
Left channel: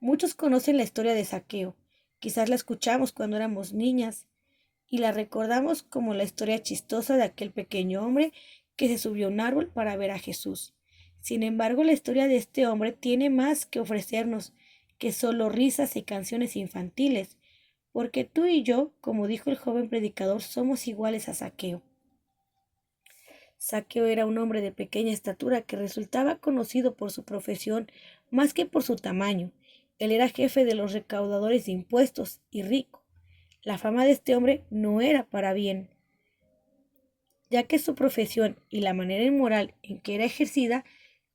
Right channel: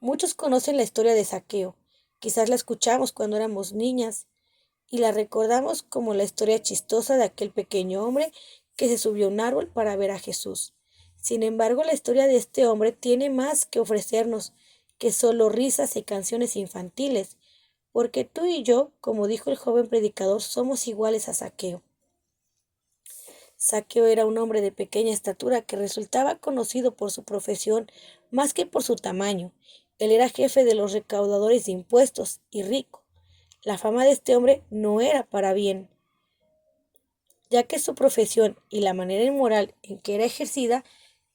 Muchos conocen la historia de Zaqueo. Quizás la escuchamos cuando éramos niñas y la recordamos como la historia chistosa de aquel pequeño hombre que se subió a un árbol para ver a Jesús. Sin embargo, la historia de este hombre tiene más que ofrecernos que solo risas y canciones infantiles, porque tú y yo, como dijo el joven predicador, somos iguales a Zaqueo. Zaqueo era un hombre de pequeña estatura que resultaba conocido por su profesión más que por su tamaño. Él era jefe de los recaudadores de impuestos y rico. La fama de este hombre no era para bien, ya que su profesión y la manera inmoral en que era ejercida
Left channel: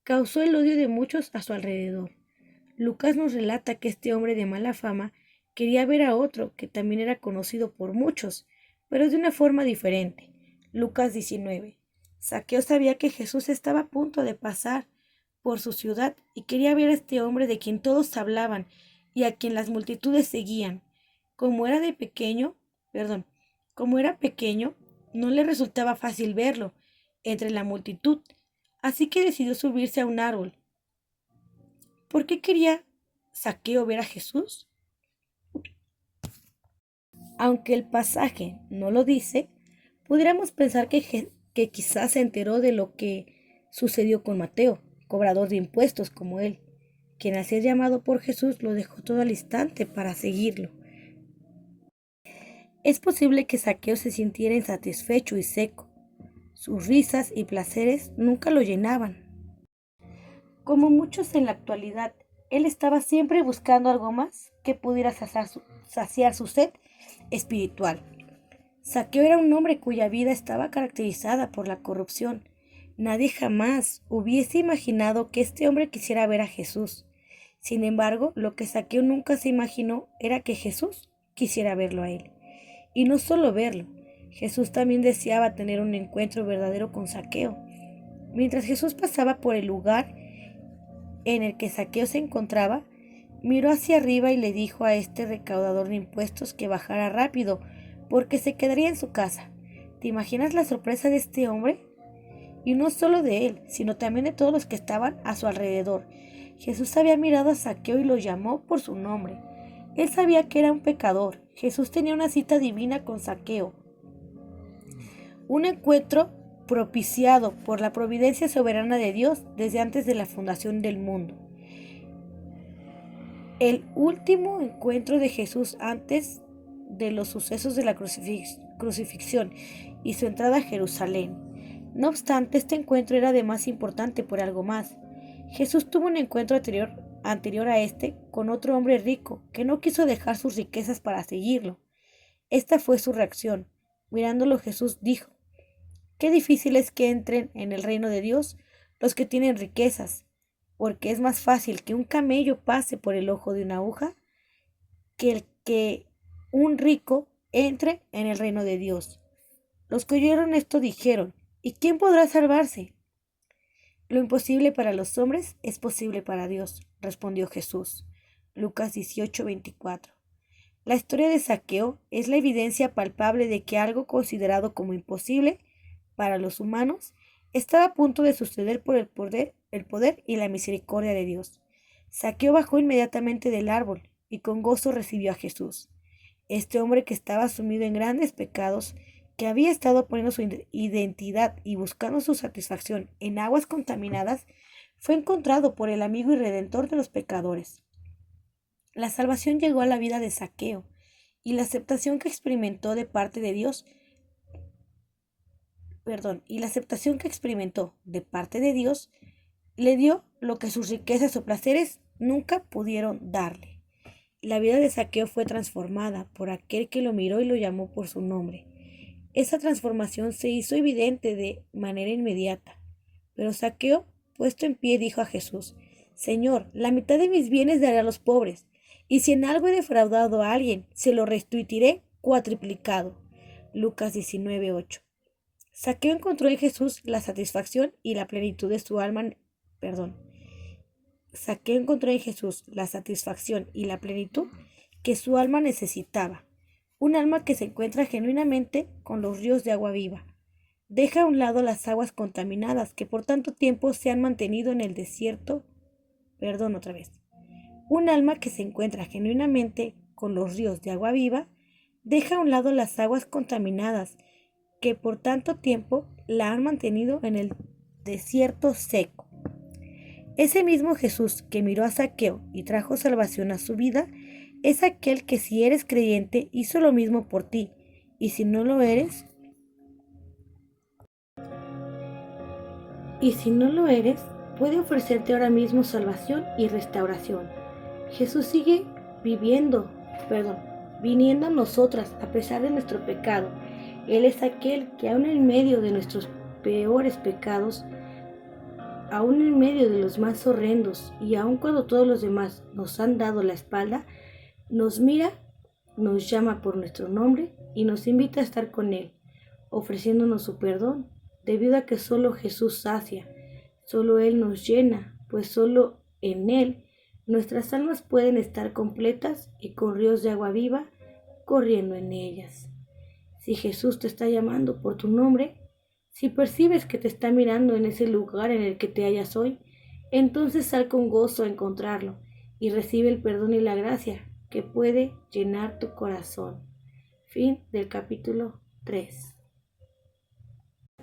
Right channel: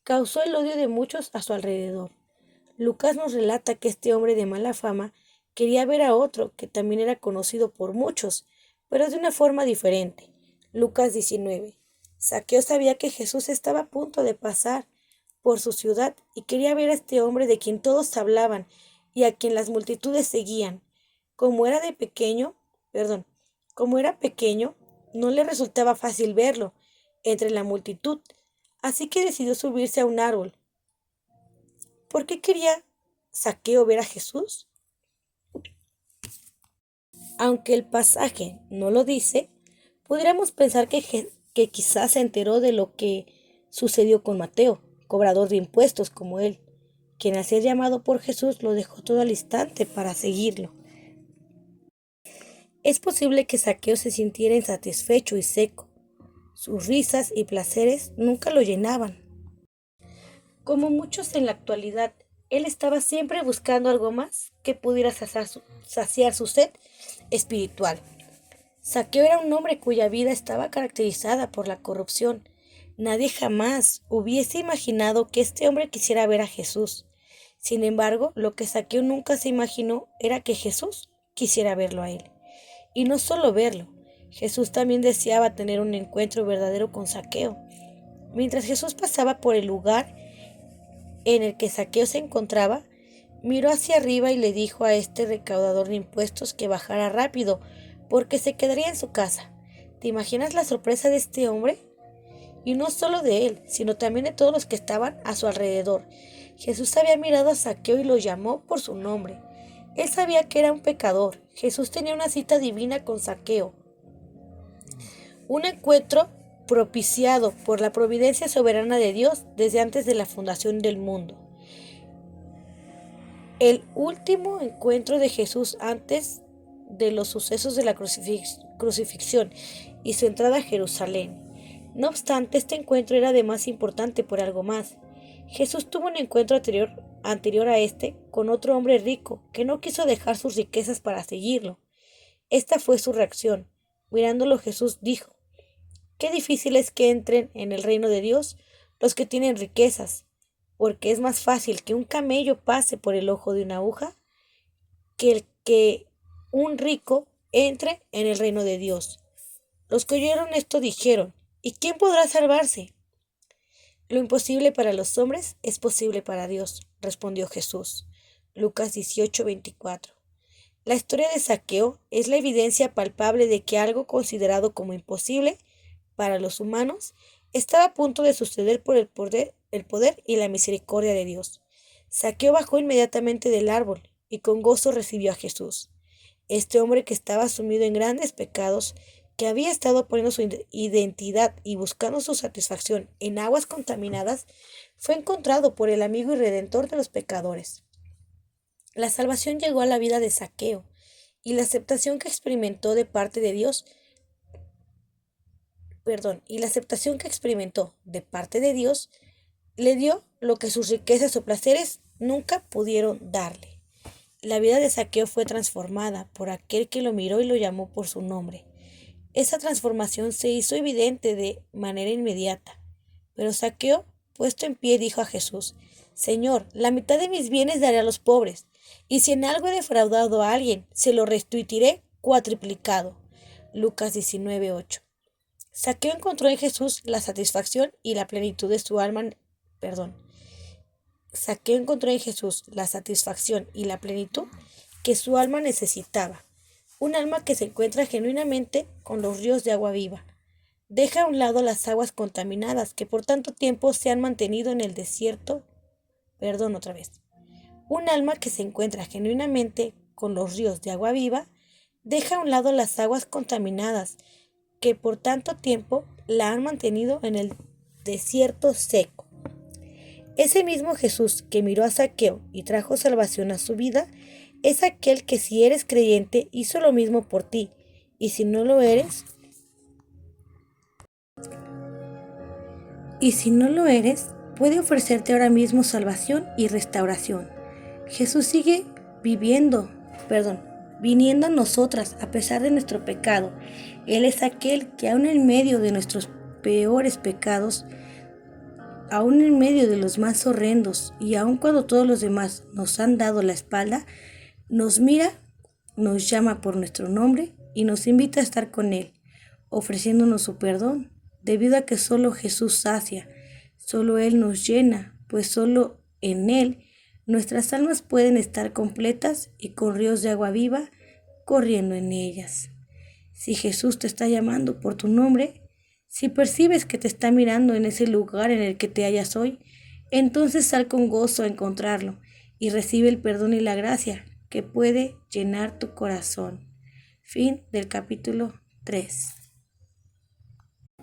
causó el odio de muchos a su alrededor. Lucas nos relata que este hombre de mala fama quería ver a otro que también era conocido por muchos, pero de una forma diferente. Lucas 19. Zaqueo sabía que Jesús estaba a punto de pasar por su ciudad y quería ver a este hombre de quien todos hablaban y a quien las multitudes seguían. Como era de pequeño, perdón, como era pequeño, no le resultaba fácil verlo entre la multitud, así que decidió subirse a un árbol. ¿Por qué quería Zaqueo ver a Jesús? Aunque el pasaje no lo dice, podríamos pensar que quizás se enteró de lo que sucedió con Mateo, cobrador de impuestos como él, quien al ser llamado por Jesús lo dejó todo al instante para seguirlo. Es posible que Zaqueo se sintiera insatisfecho y seco. Sus risas y placeres nunca lo llenaban. Como muchos en la actualidad, él estaba siempre buscando algo más que pudiera saciar su sed espiritual. Zaqueo era un hombre cuya vida estaba caracterizada por la corrupción. Nadie jamás hubiese imaginado que este hombre quisiera ver a Jesús. Sin embargo, lo que Zaqueo nunca se imaginó era que Jesús quisiera verlo a él. Y no solo verlo, Jesús también deseaba tener un encuentro verdadero con Zaqueo. Mientras Jesús pasaba por el lugar en el que Zaqueo se encontraba, miró hacia arriba y le dijo a este recaudador de impuestos que bajara rápido, porque se quedaría en su casa. ¿Te imaginas la sorpresa de este hombre? Y no solo de él, sino también de todos los que estaban a su alrededor. Jesús había mirado a Zaqueo y lo llamó por su nombre. Él sabía que era un pecador. Jesús tenía una cita divina con Zaqueo. Un encuentro propiciado por la providencia soberana de Dios desde antes de la fundación del mundo. El último encuentro de Jesús antes de los sucesos de la crucifixión y su entrada a Jerusalén. No obstante, este encuentro era además importante por algo más. Jesús tuvo un encuentro anterior a este con otro hombre rico que no quiso dejar sus riquezas para seguirlo. Esta fue su reacción. Mirándolo, Jesús dijo: qué difícil es que entren en el reino de Dios los que tienen riquezas, porque es más fácil que un camello pase por el ojo de una aguja que un rico entre en el reino de Dios. Los que oyeron esto dijeron: ¿y quién podrá salvarse? Lo imposible para los hombres es posible para Dios, respondió Jesús. Lucas 18:24. La historia de Zaqueo es la evidencia palpable de que algo considerado como imposible para los humanos estaba a punto de suceder por el poder y la misericordia de Dios. Zaqueo bajó inmediatamente del árbol y con gozo recibió a Jesús. Este hombre que estaba sumido en grandes pecados, que había estado poniendo su identidad y buscando su satisfacción en aguas contaminadas, fue encontrado por el amigo y redentor de los pecadores. La salvación llegó a la vida de Zaqueo, y la aceptación que experimentó de parte de Dios, le dio lo que sus riquezas o placeres nunca pudieron darle. La vida de Zaqueo fue transformada por aquel que lo miró y lo llamó por su nombre. Esa transformación se hizo evidente de manera inmediata. Pero Zaqueo, puesto en pie, dijo a Jesús: Señor, la mitad de mis bienes daré a los pobres, y si en algo he defraudado a alguien, se lo restituiré cuatriplicado. Lucas 19:8. Zaqueo encontró en Jesús la satisfacción y la plenitud de su alma. Zaqueo encontró en Jesús la satisfacción y la plenitud que su alma necesitaba. Un alma que se encuentra genuinamente con los ríos de agua viva. Deja a un lado las aguas contaminadas que por tanto tiempo se han mantenido en el desierto. Perdón otra vez. Un alma que se encuentra genuinamente con los ríos de agua viva, deja a un lado las aguas contaminadas que por tanto tiempo la han mantenido en el desierto seco. Ese mismo Jesús que miró a Zaqueo y trajo salvación a su vida, es aquel que si eres creyente hizo lo mismo por ti, y si no lo eres, puede ofrecerte ahora mismo salvación y restauración. Jesús sigue viniendo a nosotras a pesar de nuestro pecado. Él es aquel que aún en medio de nuestros peores pecados, aún en medio de los más horrendos y aun cuando todos los demás nos han dado la espalda, nos mira, nos llama por nuestro nombre y nos invita a estar con Él, ofreciéndonos su perdón, debido a que solo Jesús sacia, solo Él nos llena, pues solo en Él nuestras almas pueden estar completas y con ríos de agua viva corriendo en ellas. Si Jesús te está llamando por tu nombre, si percibes que te está mirando en ese lugar en el que te hallas hoy, entonces sal con gozo a encontrarlo y recibe el perdón y la gracia que puede llenar tu corazón. Fin del capítulo 3.